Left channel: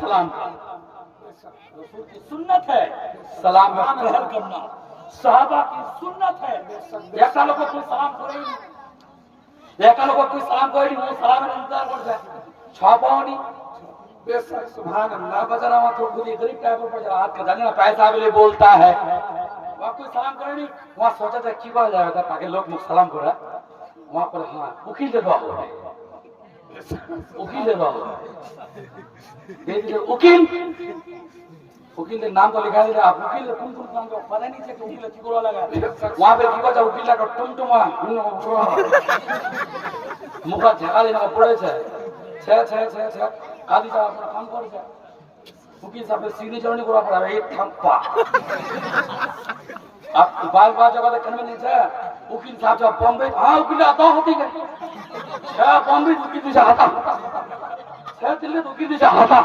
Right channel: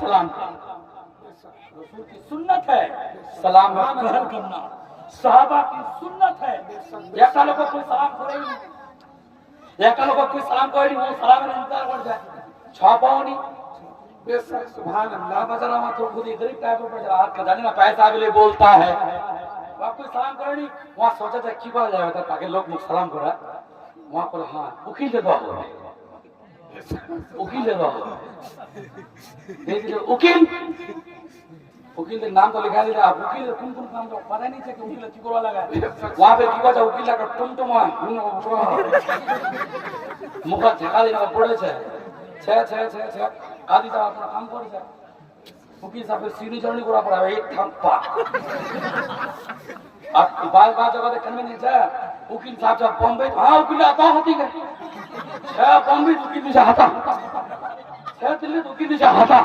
सलाम रसूल की सुन्नत है सलाम पहल करना, सहाबा की सुन्नत है। एका लोग कोई सलाम करे नहीं, एका लोग कोई सलाम करे नहीं, वो सलाम इंतजार कर जाए छापाओनी बेशक सुभान अल्लाह बजाना मत तो खुद गरीब का ऊपर जा हाथ खजाने में पैसा वाले बोलता है वहां कोई सलाम करे नहीं, वहां सोचा था की करा जाएगा ताकि लोग मुझे सलाम करे वहां पर हां उकील दे दो उकील दे दो उकील उकील के नाम तो लिखा दिया आप उकील कौन कौन काम का पता नहीं था कि उकील की कोला लगा वहां पे की बजा उकील का टुमटुमा मुख झेका देना पड़े छे छे छे छे छे आदि ता अपना काम करे छे उकील साहब सिग्नेचर नहीं करा पड़ा एक थप्पा आप बाल बाल जगह कन्वे नहीं छे उकील साहब जब बॉम्बे हां उकील आता होती है छे बॉम्बे उकील से आता छे दिल्ली उकील से आता